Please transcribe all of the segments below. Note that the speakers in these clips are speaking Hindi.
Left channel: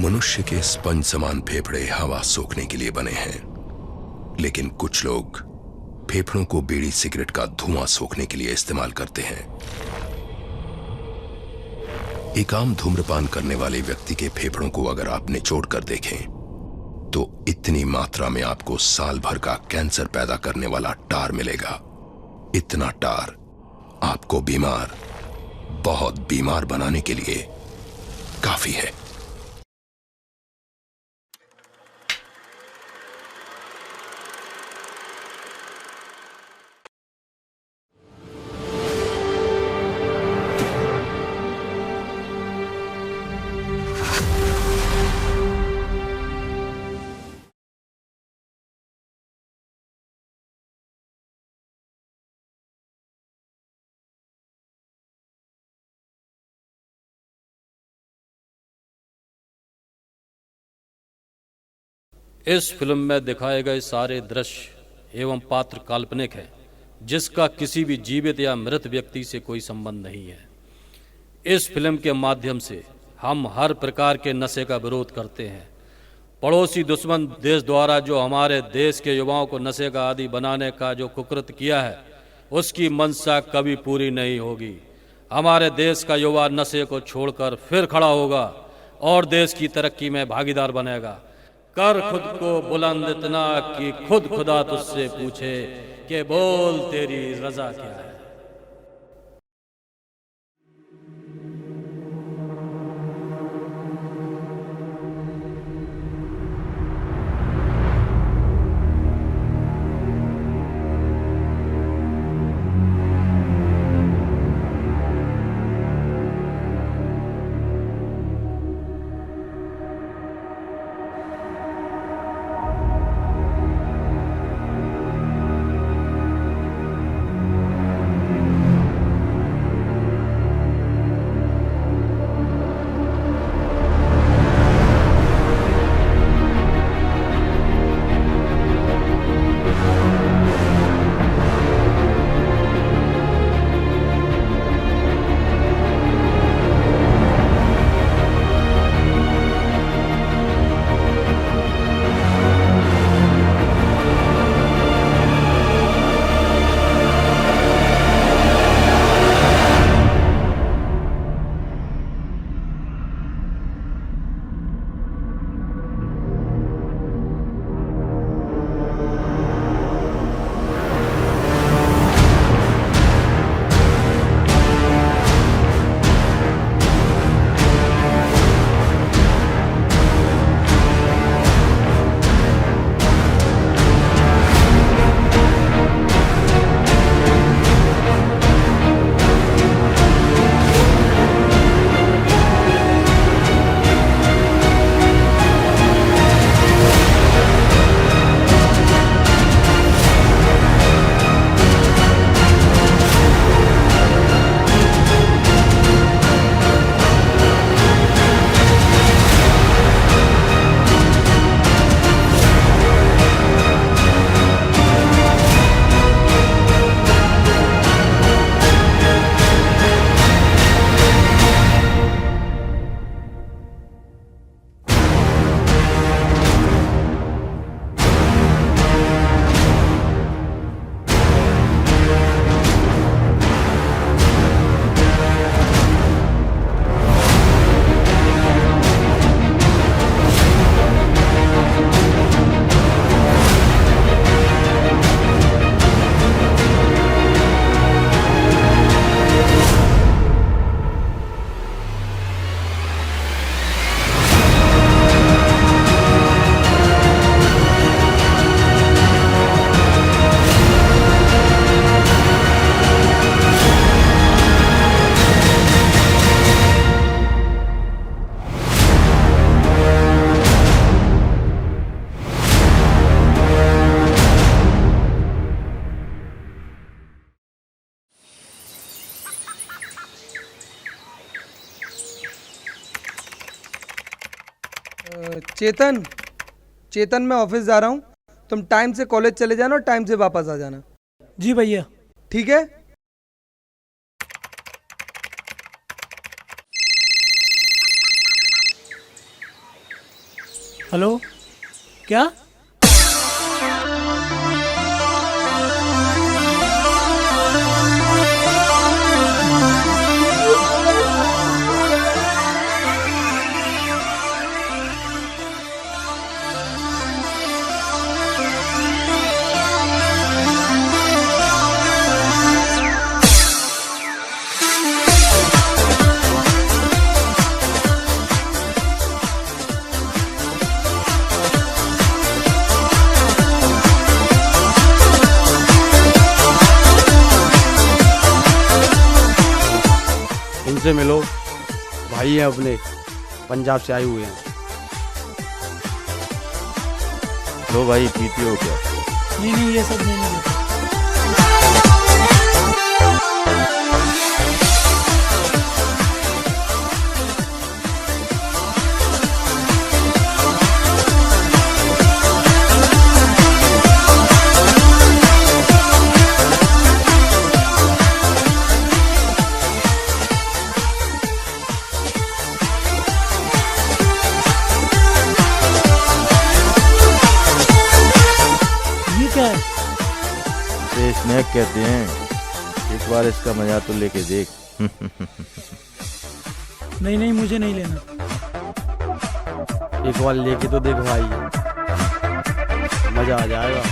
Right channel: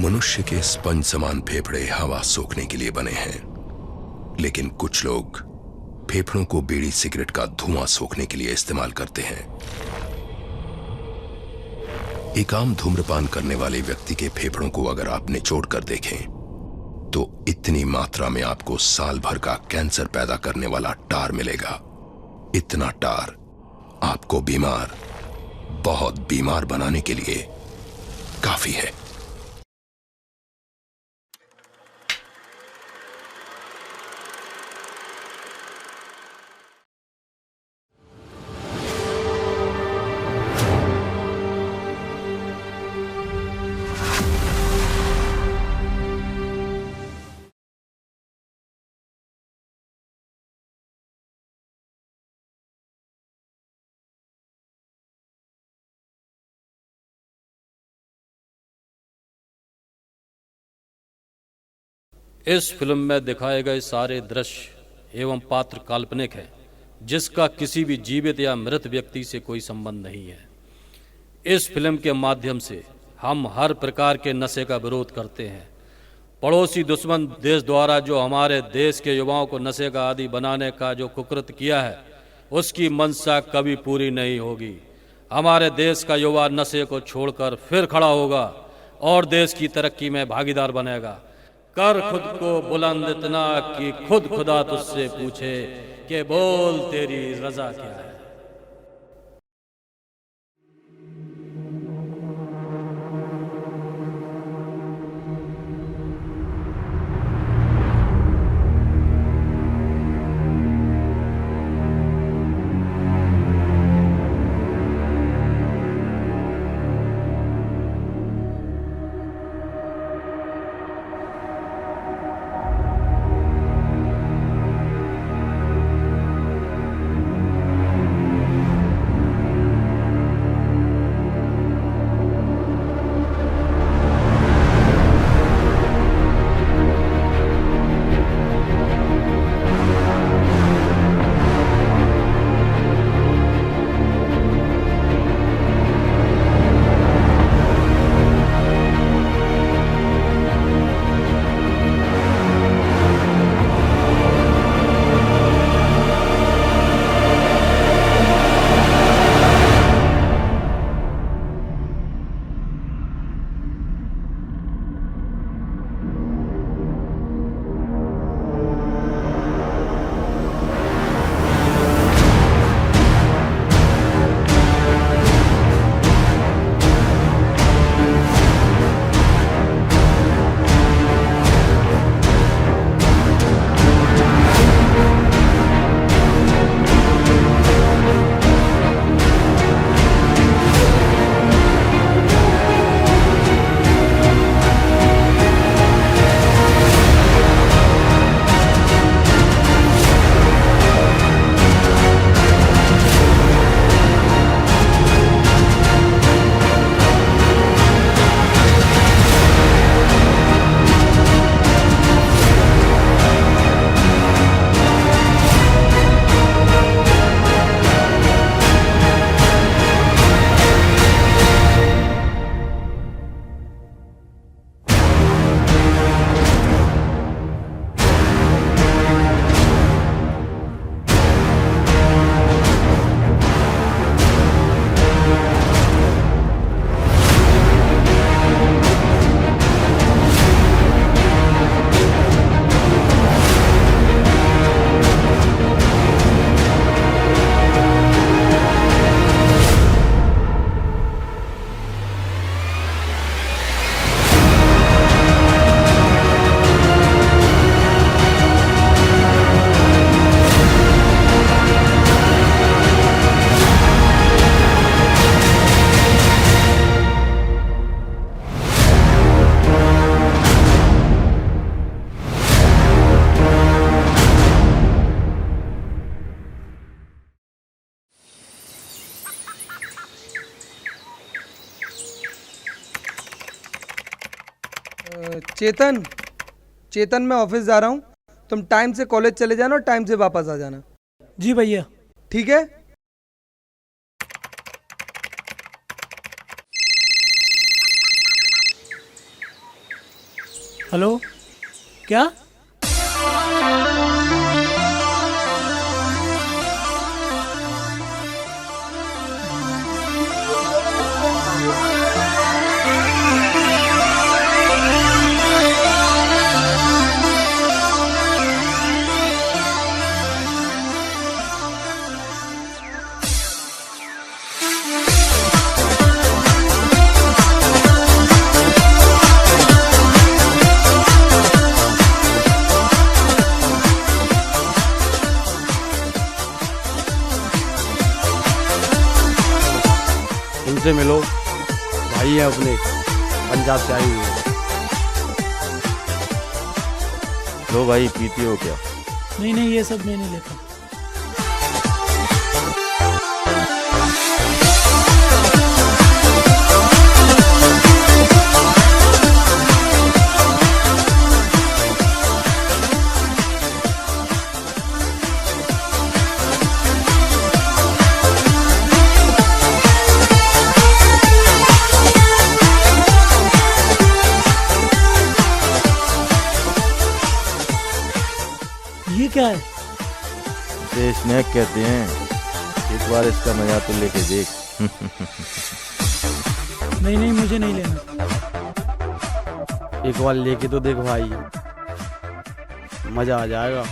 मनुष्य के स्पंज समान फेफड़े हवा सोखने के लिए बने हैं, लेकिन कुछ लोग फेफड़ों को बीड़ी सिगरेट का धुआं सोखने के लिए इस्तेमाल करते हैं। एक आम धूम्रपान करने वाले व्यक्ति के फेफड़ों को अगर आप निचोड़ कर देखें तो इतनी मात्रा में आपको साल भर का कैंसर पैदा करने वाला टार मिलेगा। इतना टार आपको बीमार, बहुत बीमार बनाने के लिए काफी है। इस फिल्म में दिखाए गए सारे दृश्य एवं पात्र काल्पनिक है, जिसका किसी भी जीवित या मृत व्यक्ति से कोई संबंध नहीं है। इस फिल्म के माध्यम से हम हर प्रकार के नशे का विरोध करते हैं। पड़ोसी दुश्मन देश द्वारा जो हमारे देश के युवाओं को नशे का आदी बनाने का जो कुकृत्य किया है, उसकी मंशा कभी पूरी नहीं होगी। हमारे देश का युवा नशे को छोड़कर फिर खड़ा होगा और देश की तरक्की में भागीदार बनेगा। कर खुद को बुलंद इतना कि खुद खुदा तुझसे पूछे कि बोल तेरी रजा क्या है। चेतन चेतन मैं ऑफिस जा रहा हूँ, तुम टाइम से कॉलेज चले जाना और टाइम से वापस आ जाना। जी भैया। ठीक है। हेलो, क्या? उनसे मिलो, भाई हैं अपने, पंजाब से आए हुए हैं। लो भाई, पीती हो क्या? नहीं नहीं, ये सब मैं नहीं लेता। ये क्या है? इसे स्नैक कहते हैं। एक बार इसका मजा तो लेके देख। नहीं नहीं, मुझे नहीं लेना। एक बार लेके तो देख भाई, मजा आ जाएगा।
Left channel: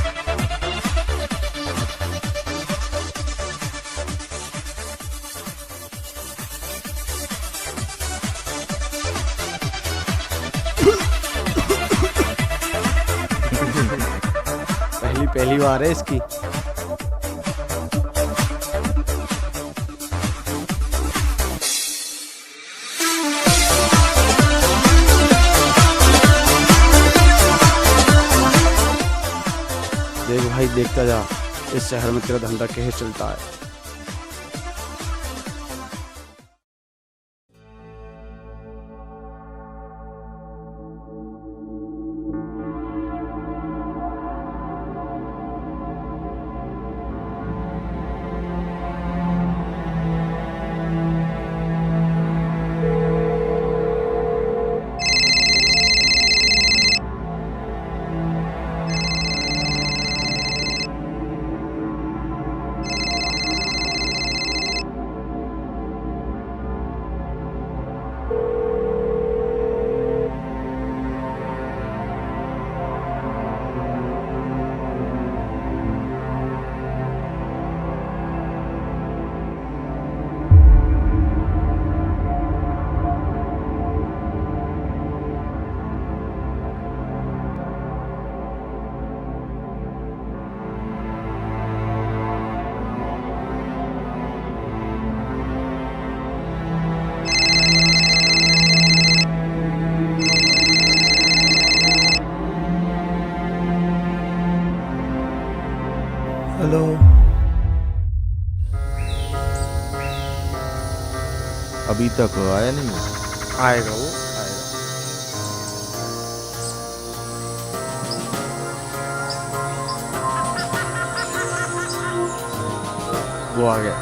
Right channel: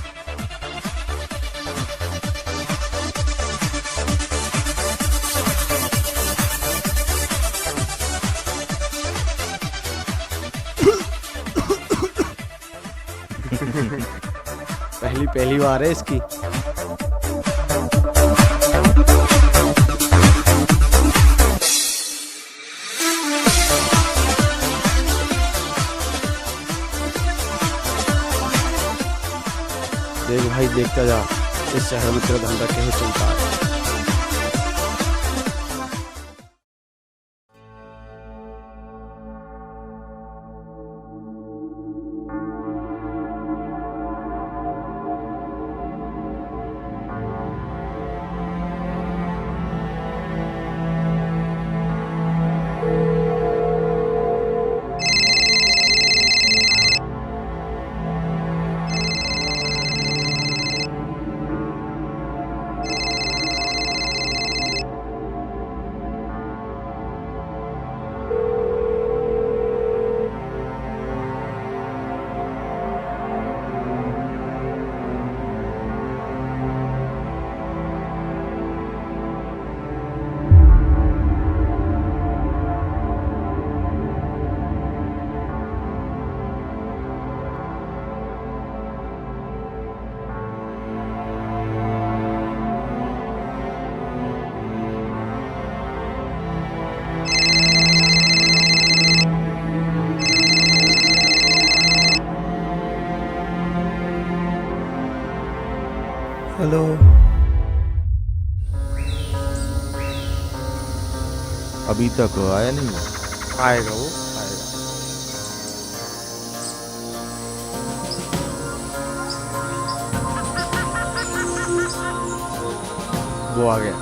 पहली बार है इसकी। देख भाई, देखता जा इस शहर में तेरा धंधा कैसे चलता है। हेलो। अभी तक आया नहीं वो? आएगा, वो आएगा। वो आ गया।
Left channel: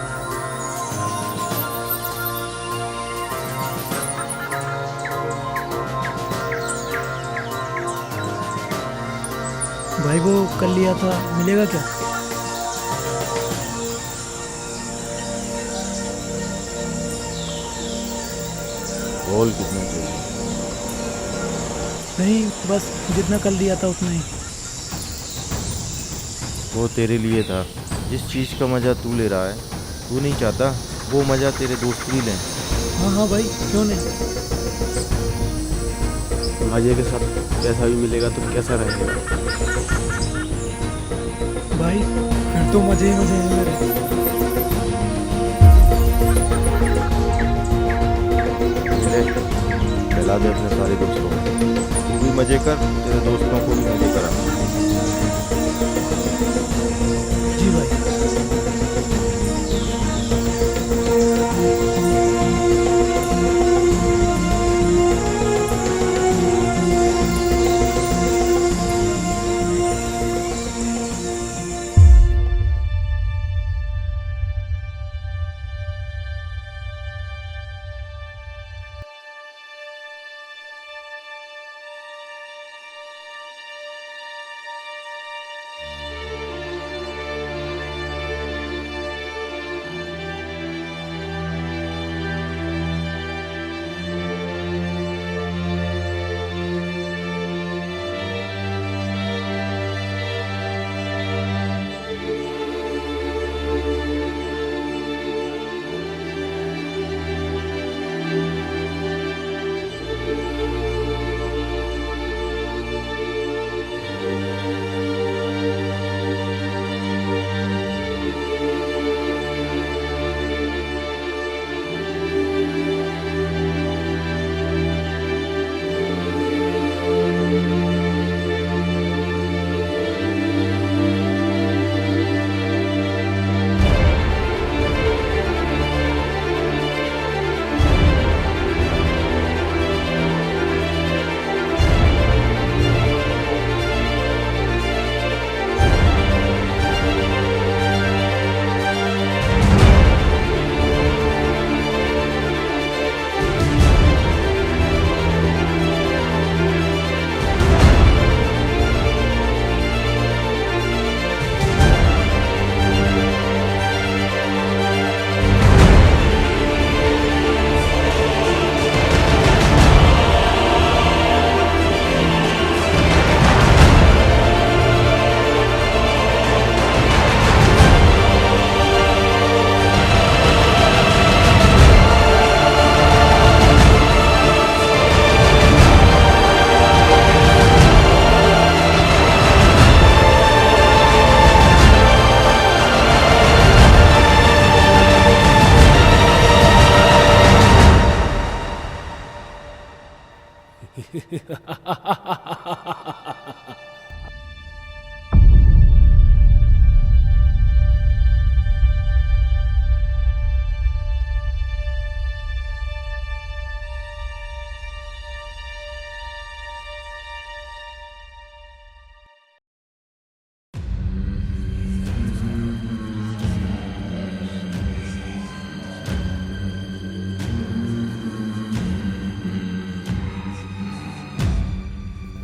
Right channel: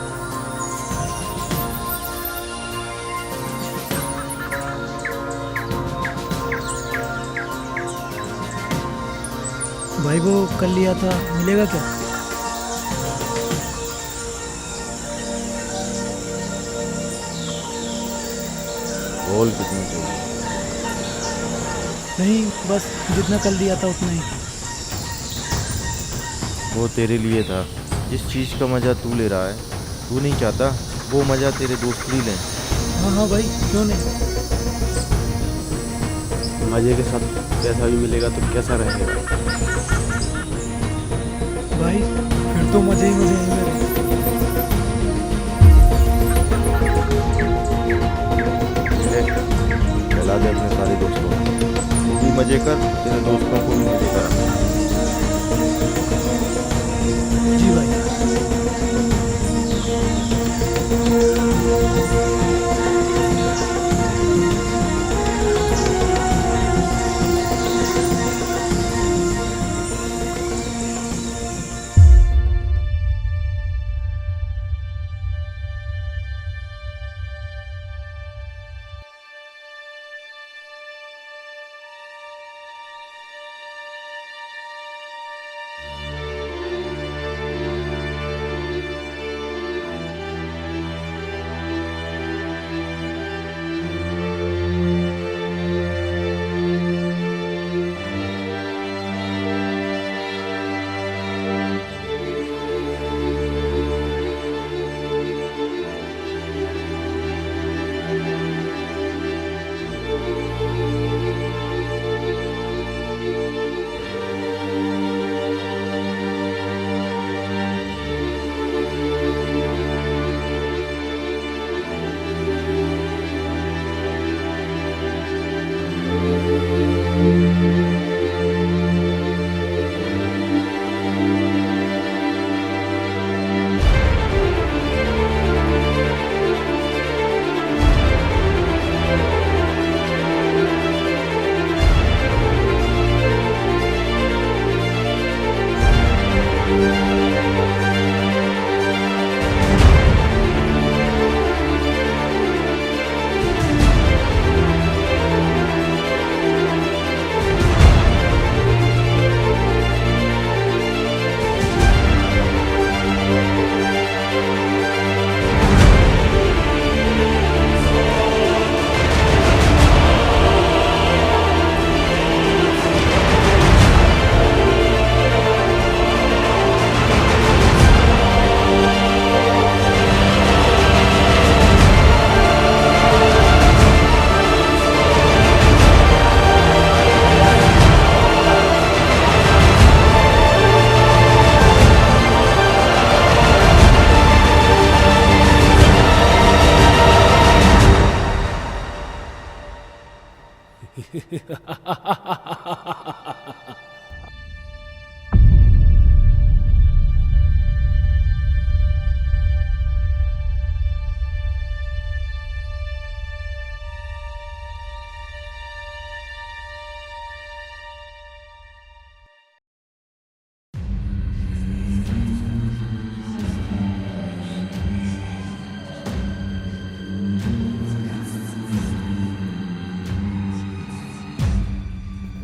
भाई वो कल लिया था, मिलेगा क्या? बोल कितना चाहिए? नहीं, बस जितना कल दिया था उतना ही। वो तेरे लिए था। जिस चीज़ का मजा तू ले रहा है, तू नहीं चाहता वो मजा तेरे दोस्त भी लें। हाँ हाँ भाई, क्यों नहीं। मजे के साथ पैसा भी मिलेगा तो कैसा रहेगा। भाई फिर तो मजे ही मजे हैं मेरे। ले, खिला दे अपने सारे दोस्तों को। तू भी मजे कर, तेरे दोस्तों को भी मजे करा। जी भाई।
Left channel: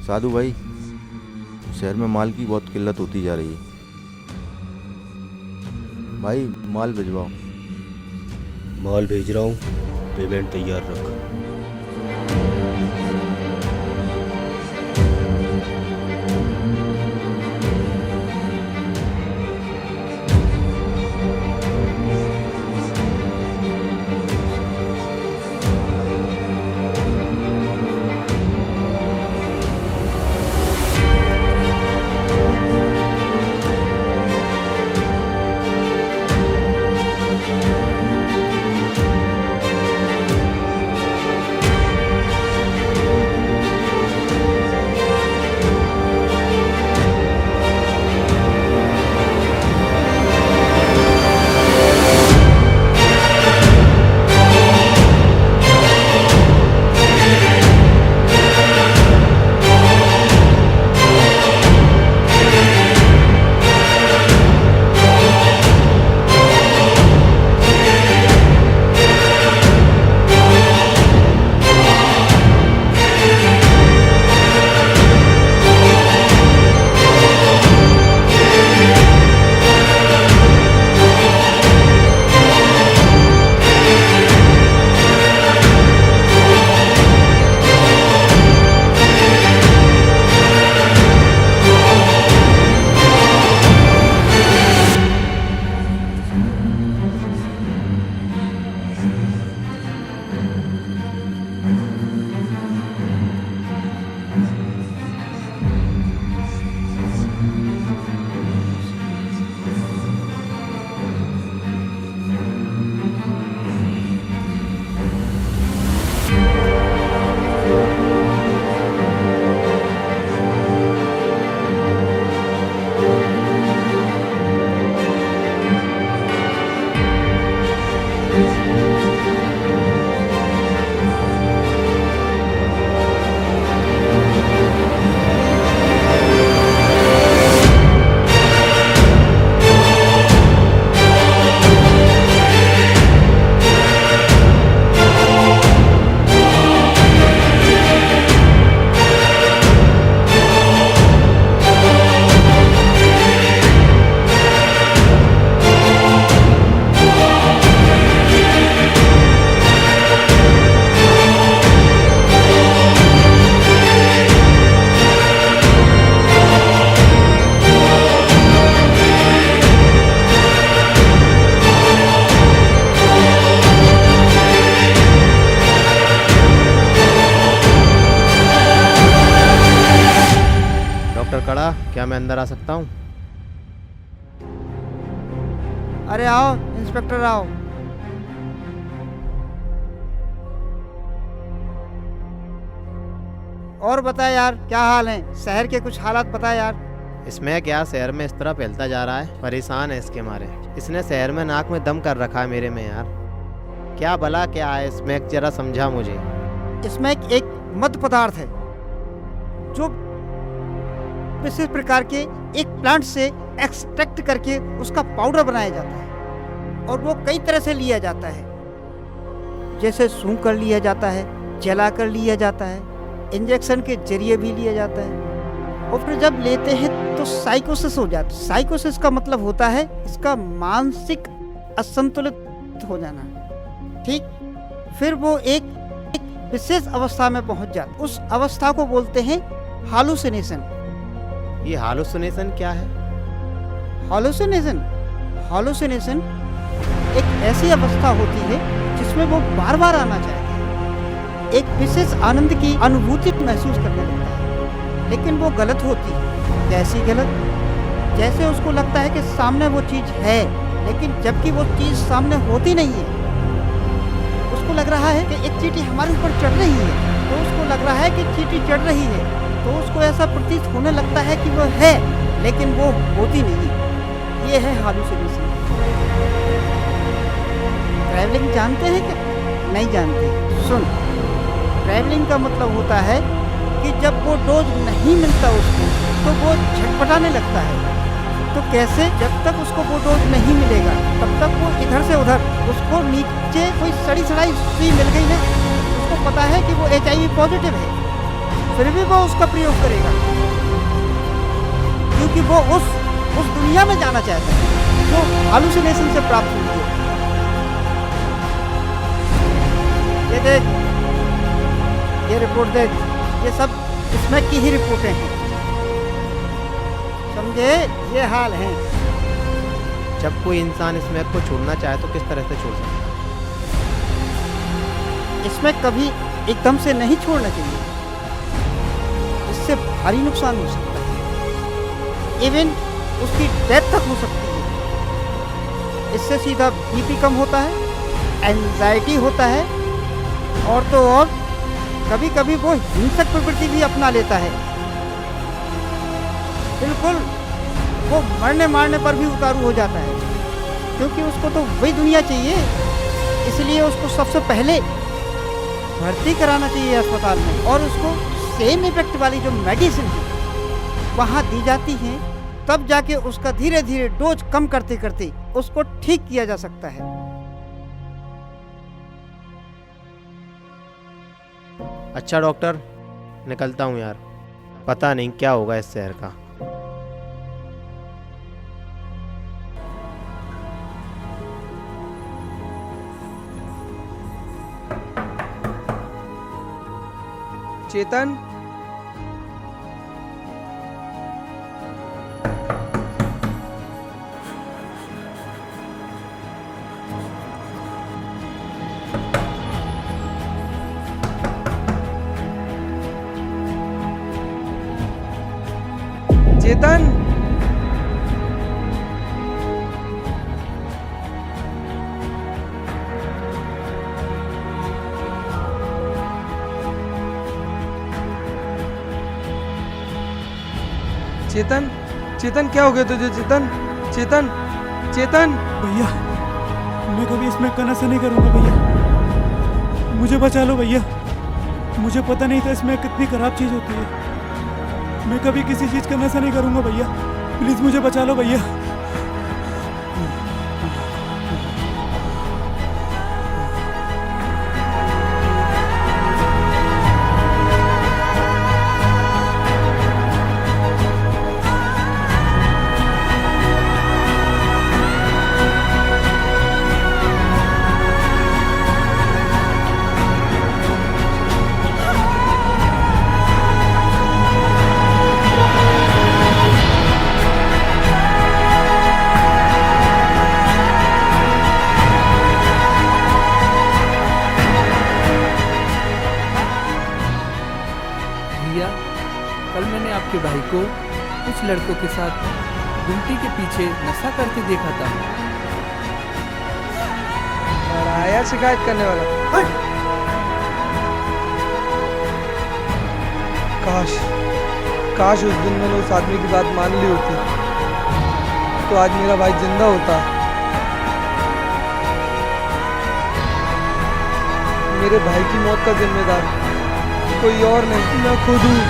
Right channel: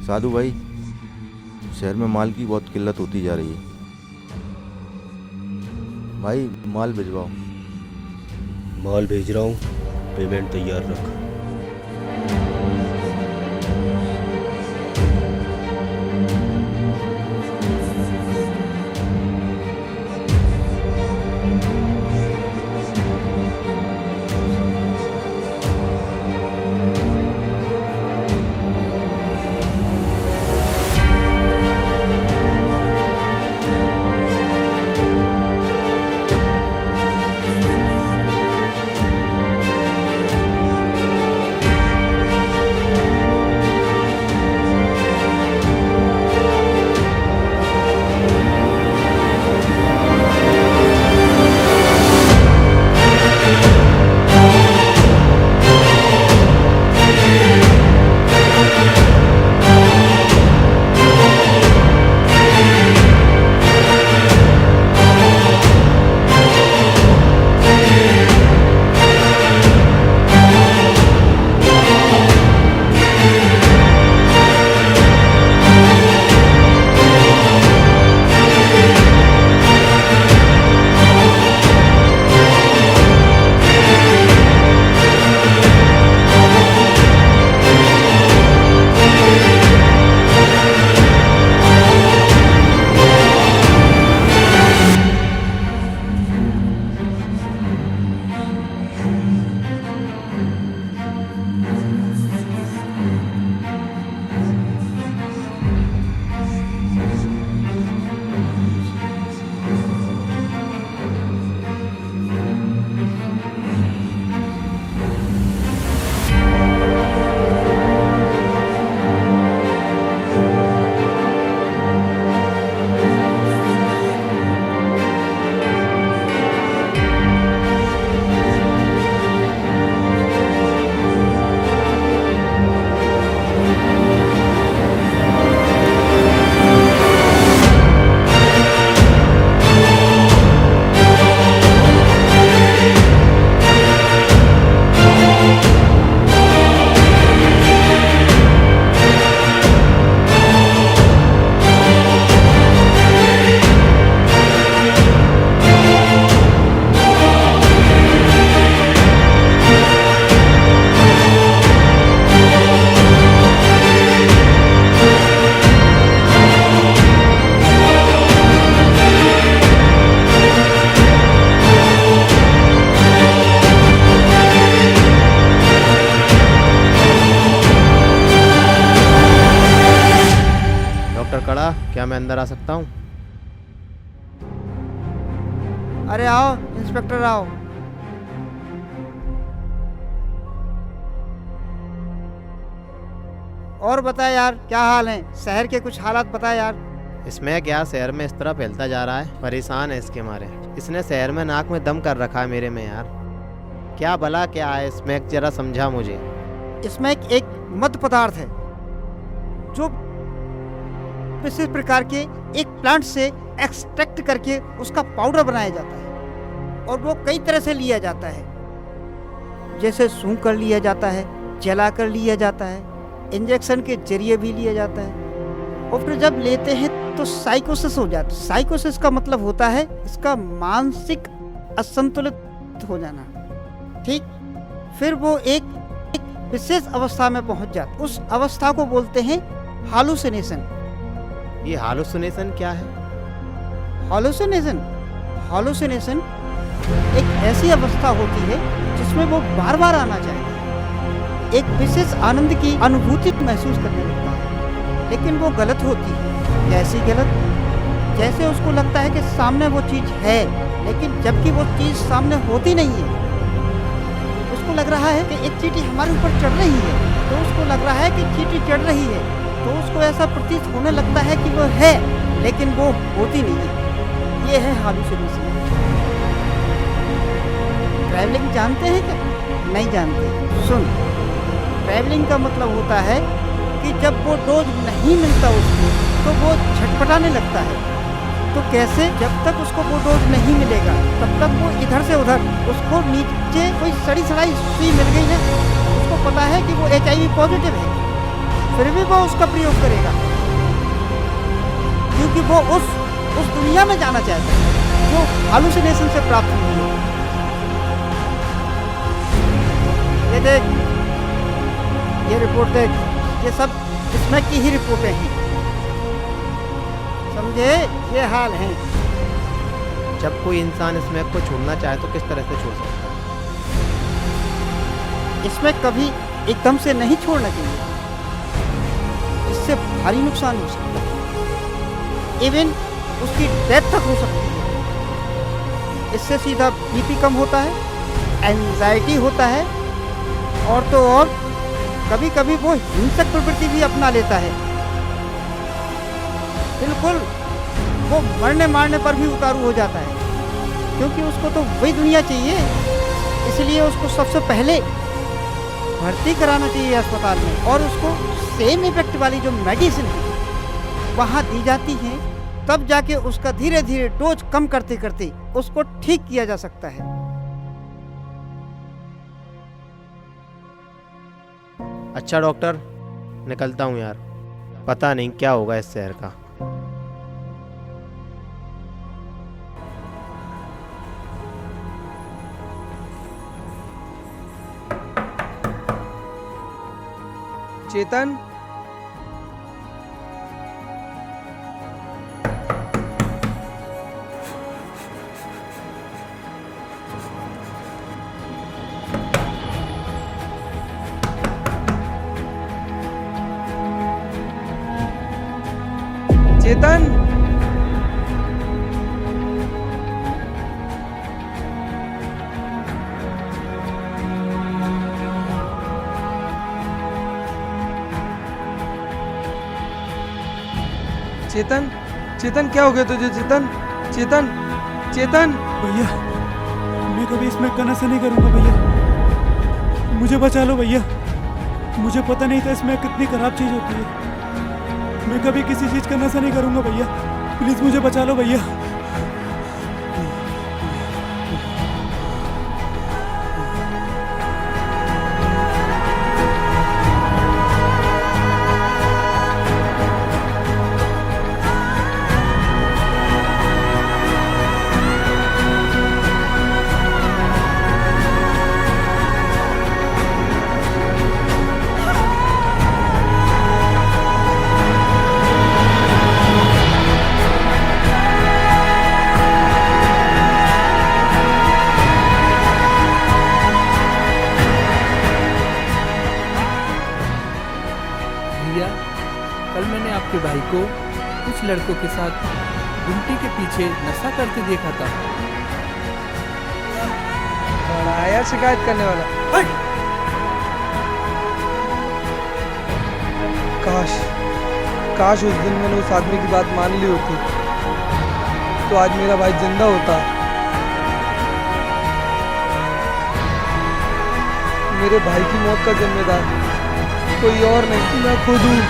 साधु भाई, शहर में माल की बहुत किल्लत होती जा रही है। भाई माल भिजवाओ। माल भेज रहा हूँ, पेमेंट तैयार रख। डॉक्टर कड़ा, क्या मैं अंदर आ सकता हूँ? अरे आओ इंस्पेक्टर आओ। और बता यार, क्या हाल है? शहर के कुछ हालात बता यार। इसमें क्या, शहर में इस तरह फैलता जा रहा है, परेशान है इसके मारे। इसने शहर में नाक में दम कर रखा है मेरे में यार। क्या भला क्या है इसमें, जरा समझा मुझे। इसमें एक मद पदार्थ है जो विशेष प्रकार के एक प्लांट से एक्सट्रैक्ट करके उसका पाउडर बनाया जाता है और वो कई तरह से लिया जाता है, जैसे सूंघ कर लिया जाता है, जला कर लिया जाता है, इंजेक्शन के जरिए भी लिया जाता है। और फिर जब लेते हैं तो साइकोसिस हो जाता है। साइकोसिस का मतलब होता है इसका मानसिक असंतुलित हो जाना, ठीक। फिर वो एक विशेष अवस्था में पहुंच जाता है। उस अवस्था को बोलते हैं हालुसिनेशन। ये हालुसिनेशन क्या है? हालुसिनेशन एक ऐसी अवस्था होती है जिसमें वो बार बार आना चाहता है, एक विशेष आनंद की अनुभूति महसूस करने लगता है, लेकिन वो गलत होती है। कैसी गलत? जैसे उसको लगता है कि सामने वो चीज़ है, लेकिन जबकि वो चीज़ सामने होती नहीं है। उसको लग रहा है कि एक चींटी हमारे ऊपर चढ़ रही है, तो उसको लग रहा है कि चींटी चढ़ रही है, तो उसको ऐसा प्रतीत होने लगता है कि वो है, लेकिन वो होती नहीं है। ये है हालुसिनेशन। ट्रैवलिंग जानते हैं क्या? नहीं जानते। सुन, ट्रैवलिंग का मतलब होता है कि जब वो डोज नहीं मिलता उसको तो वो झटपटाने लगता है। तो कैसे? जब तक उसको वो डोज नहीं मिलेगा तब तक वो इधर से उधर, उसको नीचे कोई सड़ी सड़ाई सुई मिल गई ना, उसको पता है कि वो HIV पॉजिटिव है, फिर भी वो उसका प्रयोग करेगा, क्योंकि वो उस दुनिया में जाना चाहता है जो हालुसिनेशन से प्राप्त हुई है। ये देख, ये रिपोर्ट देख, ये सब स्मैक की ही रिपोर्टें हैं, समझे? ये हाल है। जब कोई इंसान स्मैक को छोड़ना चाहे तो किस तरह से छोड़ सकता है? इसमें कभी एकदम से नहीं छोड़ना चाहिए, इससे भारी नुकसान हो सकता है, इवन उसकी डेथ तक हो सकती है। इससे सीधा बीपी कम होता है, एंजाइटी होता है, और तो और कभी कभी वो हिंसक प्रवृत्ति भी अपना लेता है। बिल्कुल वो मरने मारने पर भी उतारू हो जाता है, क्योंकि उसको तो वही दुनिया चाहिए, इसलिए उसको सबसे पहले भर्ती कराना चाहिए अस्पताल में, और उसको सेम इफेक्ट वाली जो मेडिसिन है वहाँ दी जाती हैं, तब जाके उसका धीरे धीरे डोज कम करते करते उसको ठीक किया जा सकता है। अच्छा डॉक्टर, निकलता हूँ यार, पता नहीं क्या होगा इस शहर का। चेतन, चेतन, चेतन, चेतन क्या हो गया तुझे? चेतन, चेतन, चेतन। भैया मैं कभी इसमें का नशा नहीं करूँगा भैया, मुझे बचा लो भैया। मुझे पता नहीं था इसमें कितनी खराब चीज़ होती है। मैं कभी किसी चीज़ का नशा नहीं करूँगा भैया, प्लीज़ मुझे बचा लो भैया। भैया, कल मैंने आपके भाई को कुछ लड़कों के साथ गुमटी के पीछे नशा करते देखा था। और आया शिकायत करने वाला। काश काश उस दिन मैंने उस आदमी की बात मान ली होती तो आज मेरा भाई जिंदा होता। मेरे भाई की मौत का जिम्मेदार कोई और नहीं, मैं खुद हूँ।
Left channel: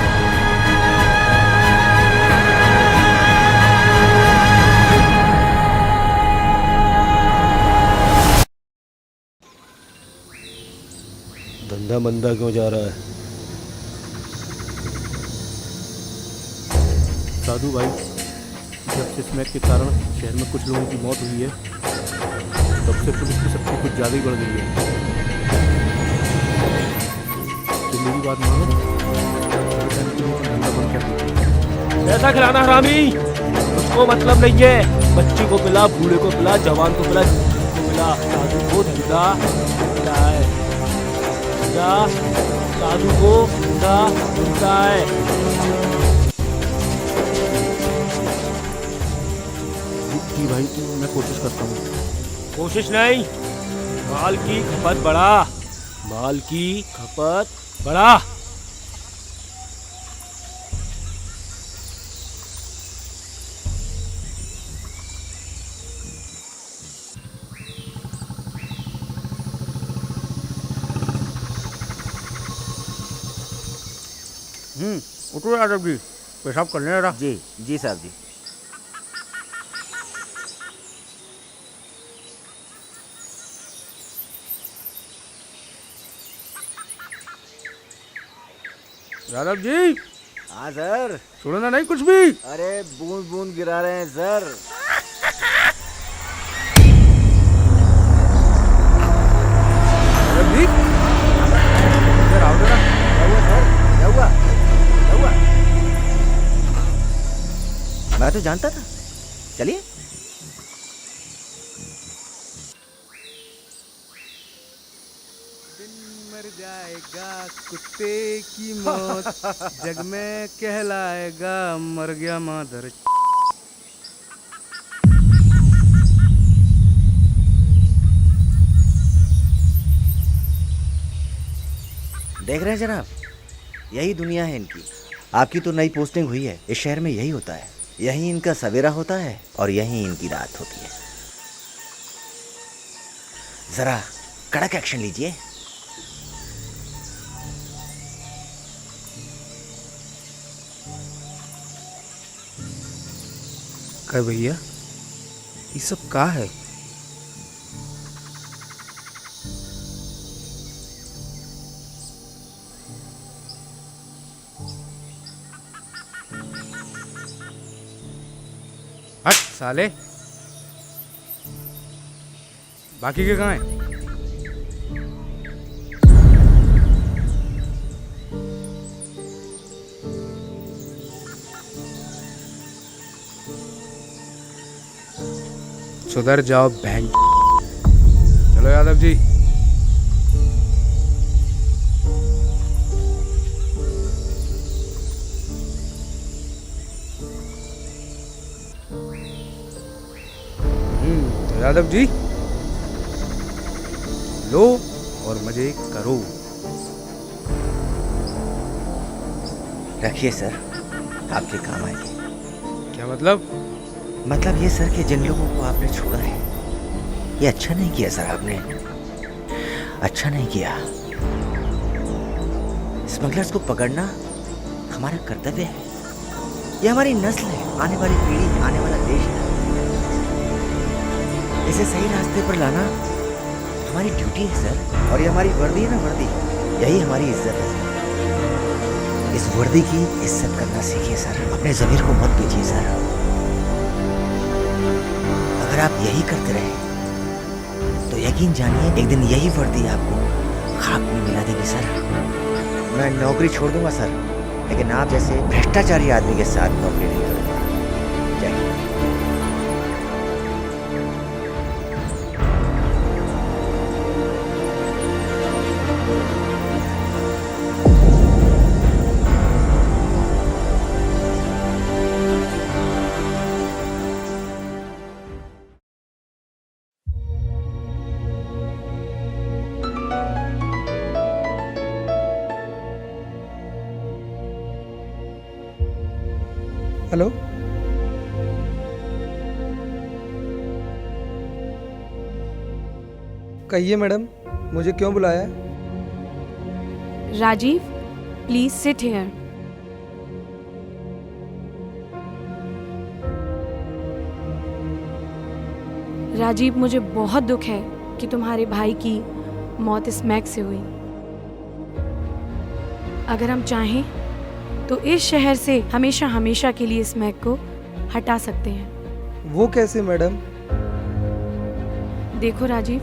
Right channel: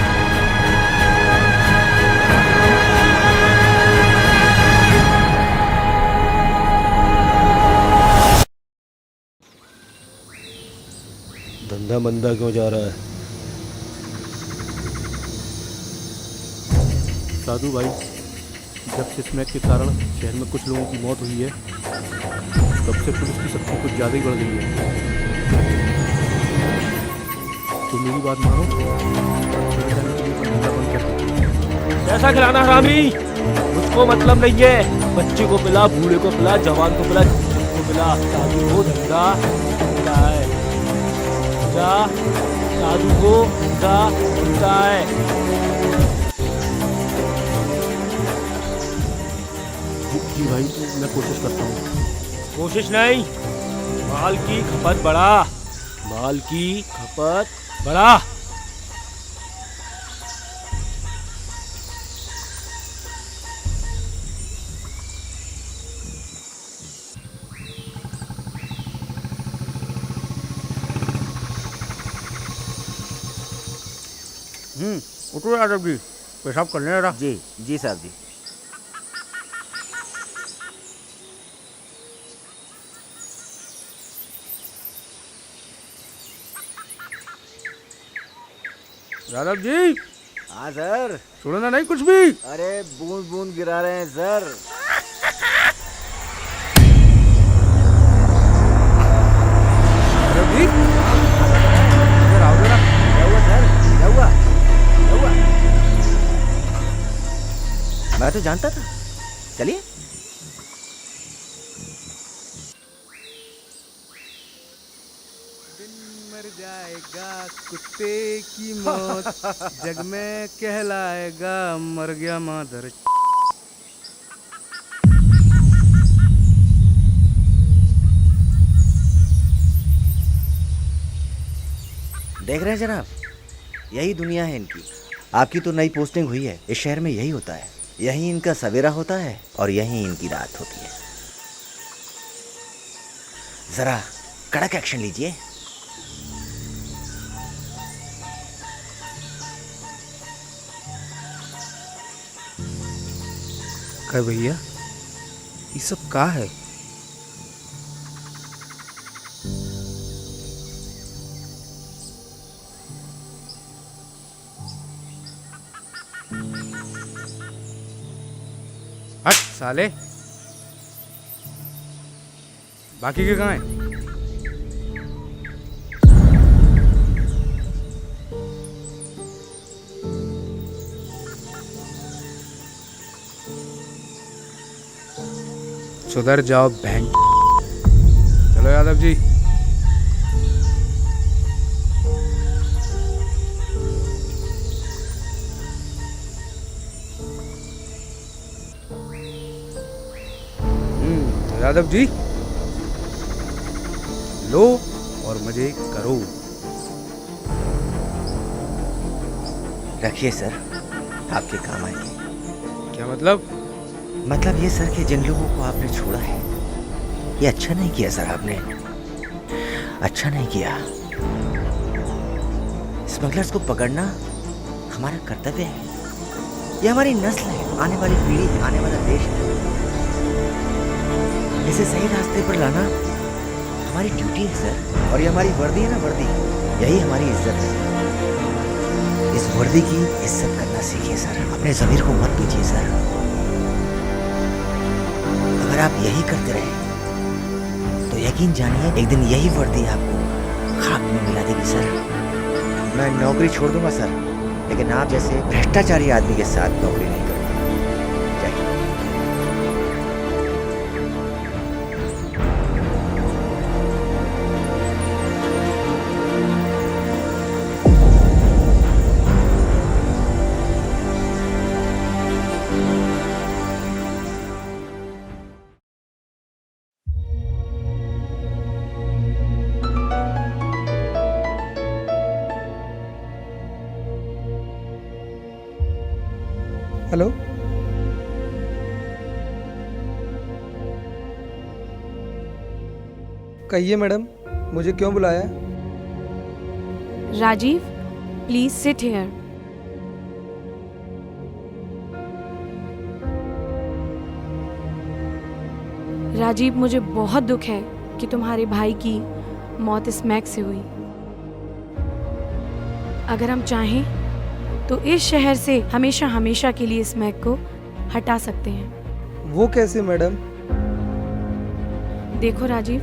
धंधा मंदा क्यों जा रहा है? साधु भाई, जब से स्मैक के कारण शहर में कुछ लोगों की मौत हुई है तब से पुलिस की शक्ति कुछ ज़्यादा ही बढ़ गई है। तो मेरी बात मानो, घर जाने के लिए तो धंधा बंद कर दीजिए। पैसा खिलाना हरामी, मुझको मतलब नहीं है। बच्चे को पिला, बूढ़े को पिला, जवान को पिला, जिसको पिला। साधु को धंधा बनता है, जा साधु को धंधा बनता है। जी भाई, तो मैं कोशिश करता हूँ। कोशिश नहीं, माल की खपत बढ़ा, माल की खपत बढ़ा। उठो यादव जी, पेशाब करने रहा। जी जी साहब जी। यादव जी। हाँ सर। सुनना नहीं कुछ भी? अरे बूंद बूंद गिरा रहे हैं सर। यादव जी, इधर आओ जरा। क्या हुआ सर? क्या हुआ? क्या हुआ? मैं तो जानता था। चलिए। मर जाएगा कुत्ते की मौत, जग में कहलाएगा मर गया मादर। देख रहे हैं जनाब, यही दुनिया है इनकी। आपकी तो नई पोस्टिंग हुई है, इस शहर में यही होता है। यही इनका सवेरा होता है और यही इनकी रात होती है। जरा कड़क एक्शन लीजिए। क्या भैया, ये सब का है? हट साले, बाकी के कहाँ हैं? सुधर जाओ बहन। चलो यादव जी। तो यादव जी, लो और मजे करो। रखिए सर, आपके काम आएंगे। क्या मतलब? मतलब ये सर कि जिन लोगों को आपने छोड़ा है, ये अच्छा नहीं किया सर। आपने अच्छा नहीं किया। स्मगलर्स को पकड़ना हमारा कर्तव्य है। ये हमारी नस्ल है, आने वाली पीढ़ी है, आने वाला देश है। इसे सही रास्ते पर लाना हमारी ड्यूटी है सर। और ये हमारी वर्दी है ना, वर्दी, यही हमारी इज्जत है सर। इस वर्दी की इज्जत करना सीखिए सर। अपने ज़मीर को मत बेचिए सर। अगर आप यही करते रहे तो यकीन जानिए एक दिन यही वर्दी आपको खाक में मिला देगी सर। मैं नौकरी छोड़ दूंगा सर, लेकिन आप जैसे भ्रष्टाचारी आदमी के साथ नौकरी नहीं करूंगा। जय हिंद। हेलो, कहिए मैडम, मुझे क्यों बुलाया? Rajiv, please sit here. Rajiv, मुझे बहुत दुख है कि तुम्हारे भाई की मौत स्मैक से हुई। अगर हम चाहें तो इस शहर से हमेशा हमेशा के लिए स्मैक को हटा सकते हैं। वो कैसे मैडम? देखो राजीव,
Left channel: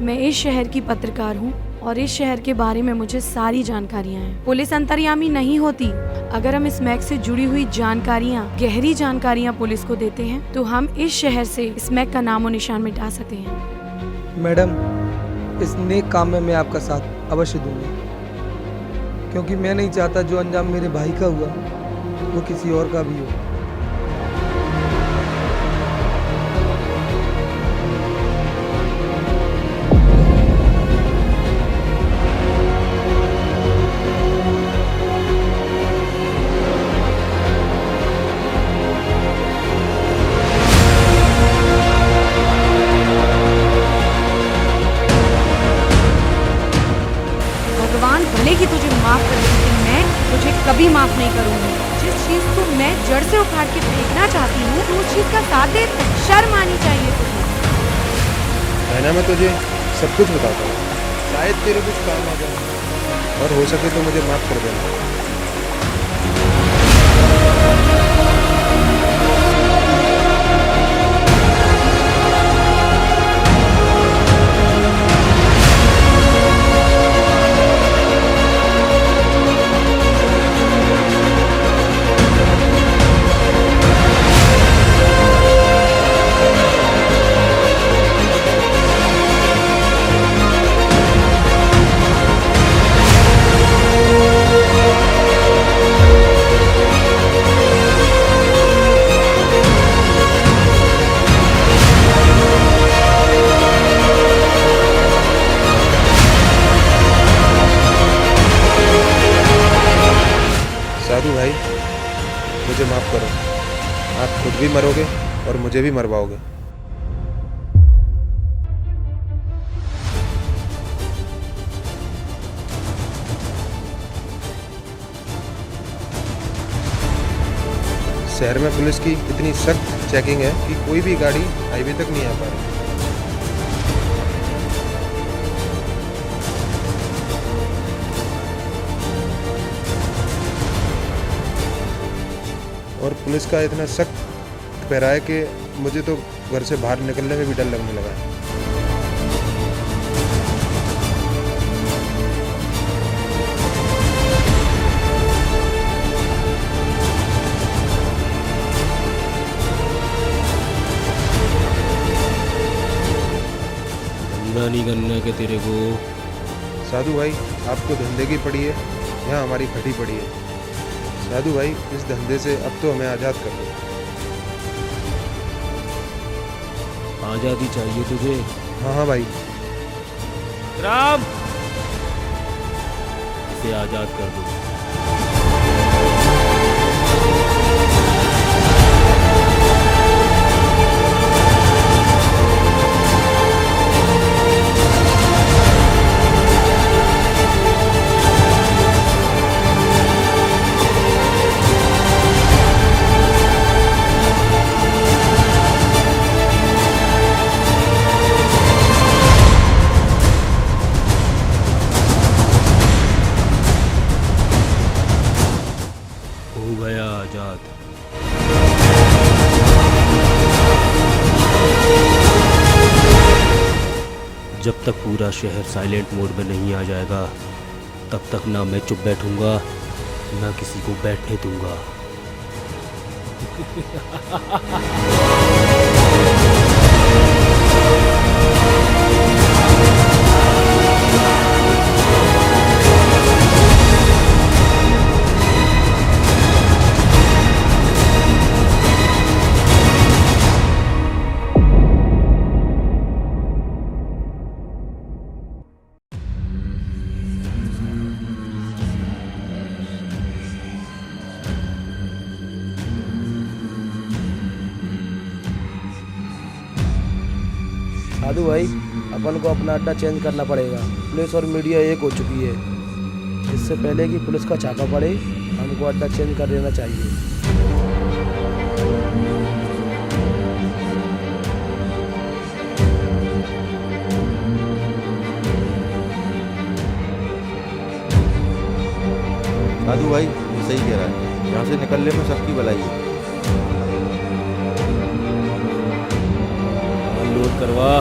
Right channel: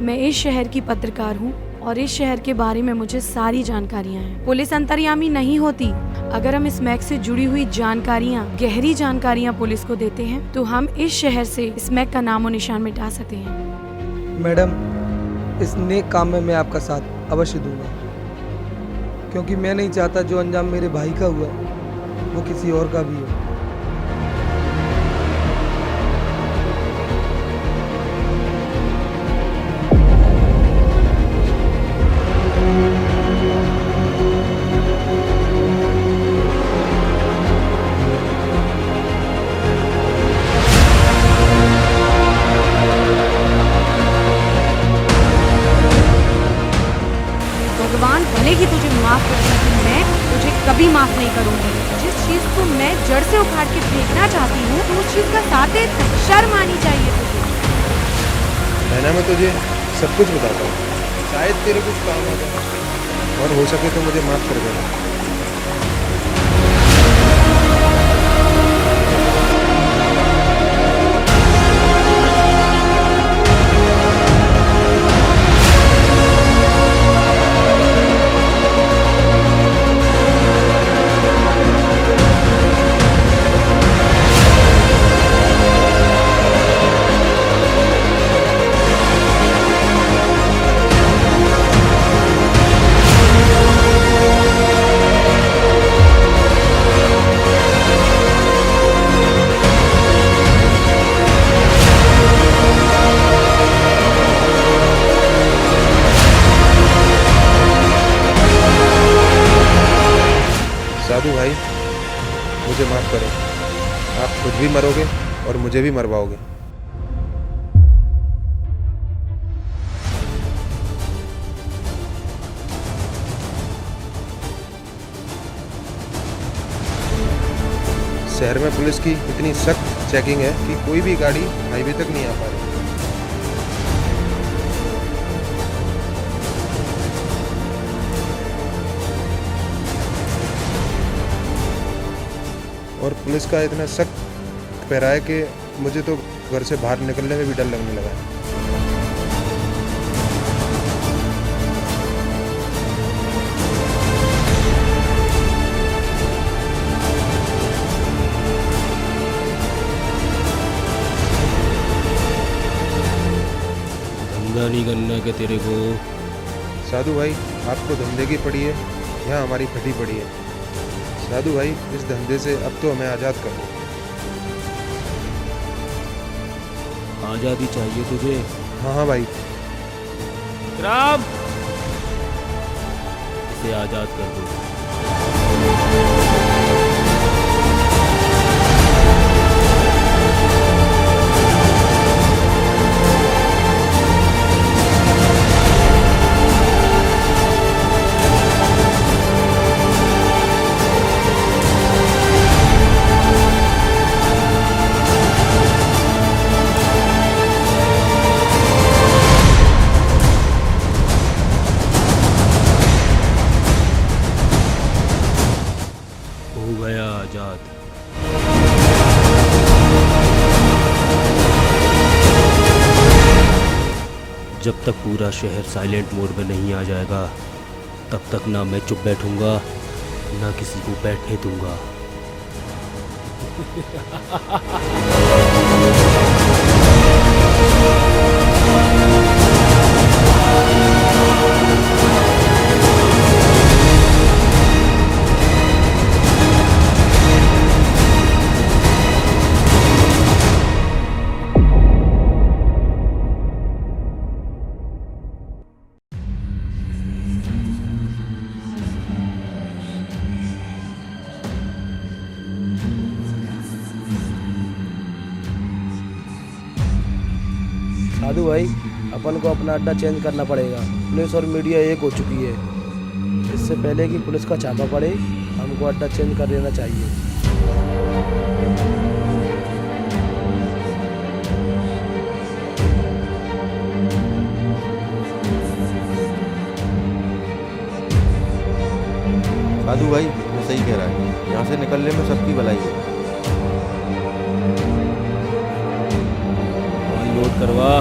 मैं इस शहर की पत्रकार हूँ और इस शहर के बारे में मुझे सारी जानकारियाँ हैं। पुलिस अंतर्यामी नहीं होती। अगर हम स्मैक से जुड़ी हुई जानकारियाँ, गहरी जानकारियाँ पुलिस को देते हैं तो हम इस शहर से स्मैक का नामो निशान मिटा सकते हैं। मैडम, इस नेक काम में मैं आपका साथ अवश्य दूंगा, क्योंकि मैं नहीं चाहता जो अंजाम मेरे भाई का हुआ वो किसी और का भी हो। भगवान इंसान भले ही तुझे माफ कर दे, लेकिन मैं तुझे कभी माफ नहीं करूंगी। जिस चीज को मैं जड़ से उखाड़ के फेंकना चाहती हूँ, तो उस चीज का साथ दे, शर्म आनी चाहिए तुझे। बहना, मैं तुझे सब कुछ बताता हूँ, शायद तेरे कुछ काम आ जाए, और हो सके तो मुझे माफ कर देना। साधु भाई, मुझे माफ करो। आप खुद भी मरोगे और मुझे भी मरवाओगे। शहर में पुलिस की इतनी सख्त चेकिंग है कि कोई भी गाड़ी हाईवे तक नहीं आ पा रही। और पुलिस का इतना सख्त पहरा है कि मुझे तो घर से बाहर निकलने में भी डर लगने लगा है। धंधा नहीं करना क्या तेरे को? साधु भाई, आपको धंधे की पड़ी है, यहाँ हमारी फटी पड़ी है। साधु भाई, इस धंधे से अब तो हमें आज़ाद कर दो। आज़ादी चाहिए तुझे? हाँ हाँ भाई। राम, इसे आज़ाद कर दो। आजाद। जब तक पूरा शहर साइलेंट मोड में नहीं आ जाएगा, तब तक ना मैं चुप बैठूंगा, ना किसी को बैठने दूंगा। साधु भाई, अपन को अपना अड्डा चेंज करना पड़ेगा। पुलिस और मीडिया एक हो चुकी है। इससे पहले कि पुलिस का छापा पड़े, हमको अड्डा चेंज कर लेना चाहिए। साधु भाई, ये सही कह रहा है, यहाँ से निकलने में सबकी भलाई है। लोड करवा।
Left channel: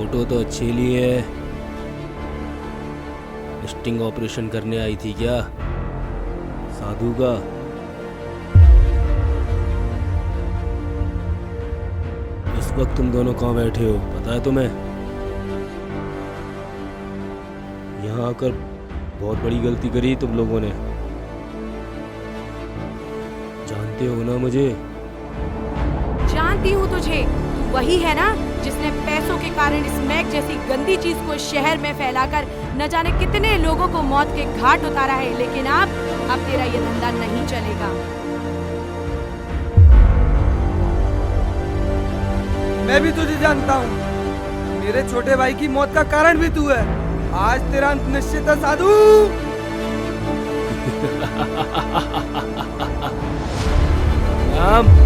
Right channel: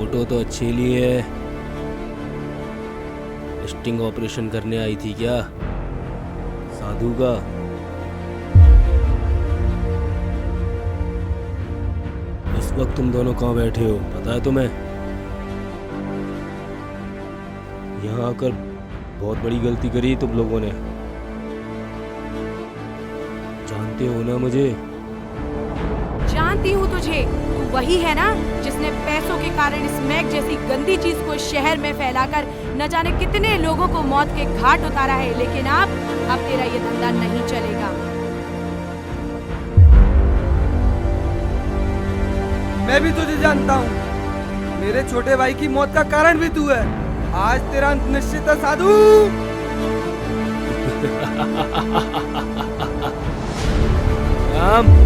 फोटो तो अच्छी ली है। स्टिंग ऑपरेशन करने आई थी क्या साधु का? इस वक्त तुम दोनों कहाँ बैठे हो पता है तुम्हें? यहाँ आकर बहुत बड़ी गलती करी तुम लोगों ने। जानते हो ना मुझे? जानती हूँ तुझे। तू वही है ना जिसने पैसों के कारण स्मैक जैसी गंदी चीज को शहर में फैलाकर न जाने कितने लोगों को मौत के घाट उतारा है। लेकिन अब तेरा ये धंधा नहीं चलेगा। मैं भी तुझे जानता हूँ। मेरे छोटे भाई की मौत का कारण भी तू है। आज तेरा अंत निश्चित है साधु। राम,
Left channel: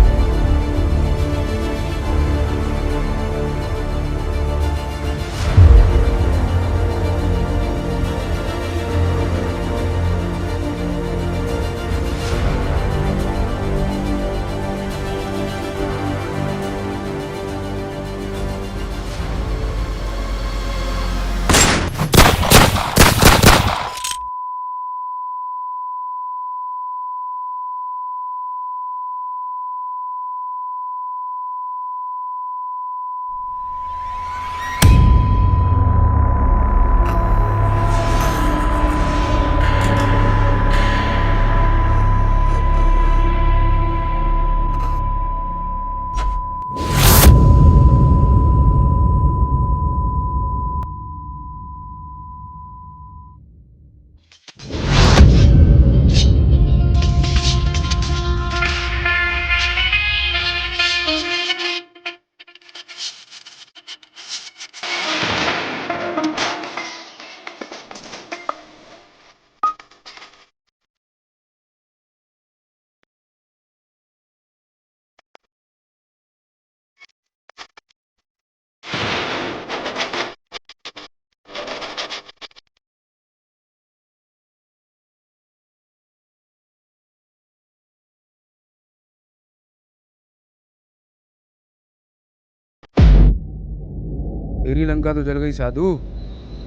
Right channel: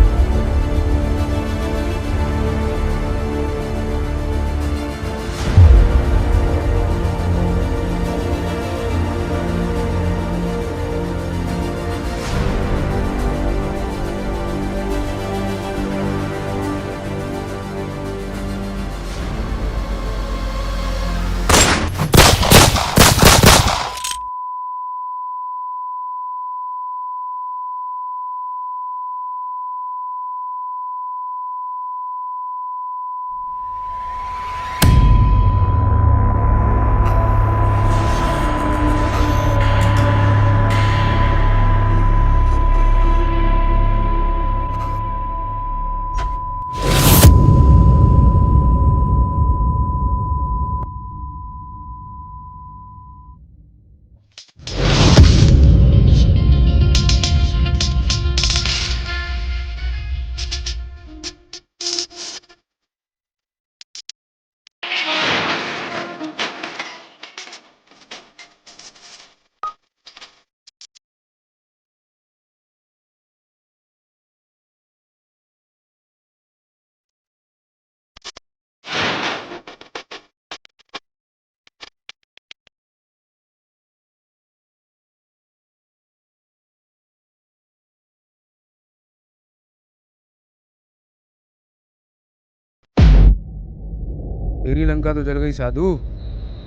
तेरी लंका तो जल गई साधु।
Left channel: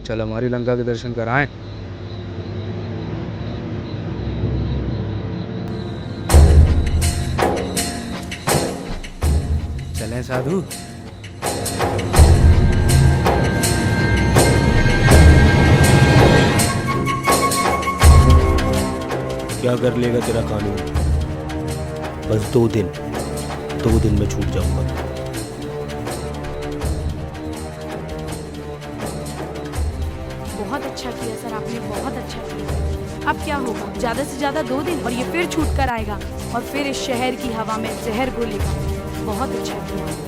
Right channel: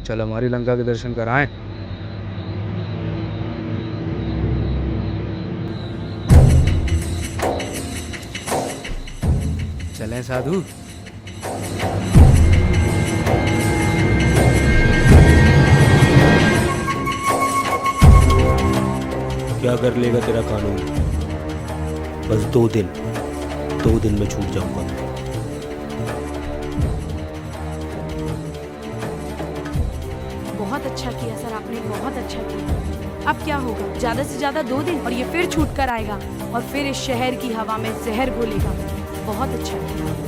चल हमारी लंका के दर्शन कराएं। चलें साधु। क्या कर लेगा तेरा कानून? बस 2 दिन में छूट जाऊंगा। बहुत अच्छा किया सर, आपने बहुत अच्छा किया। अब क्या होगा? ज्यादा से ज्यादा 2 दिन और ये फिर छूट कर आएगा और फिर इस शहर की हवा में जहर घोलेगा। बहुत अच्छा किया।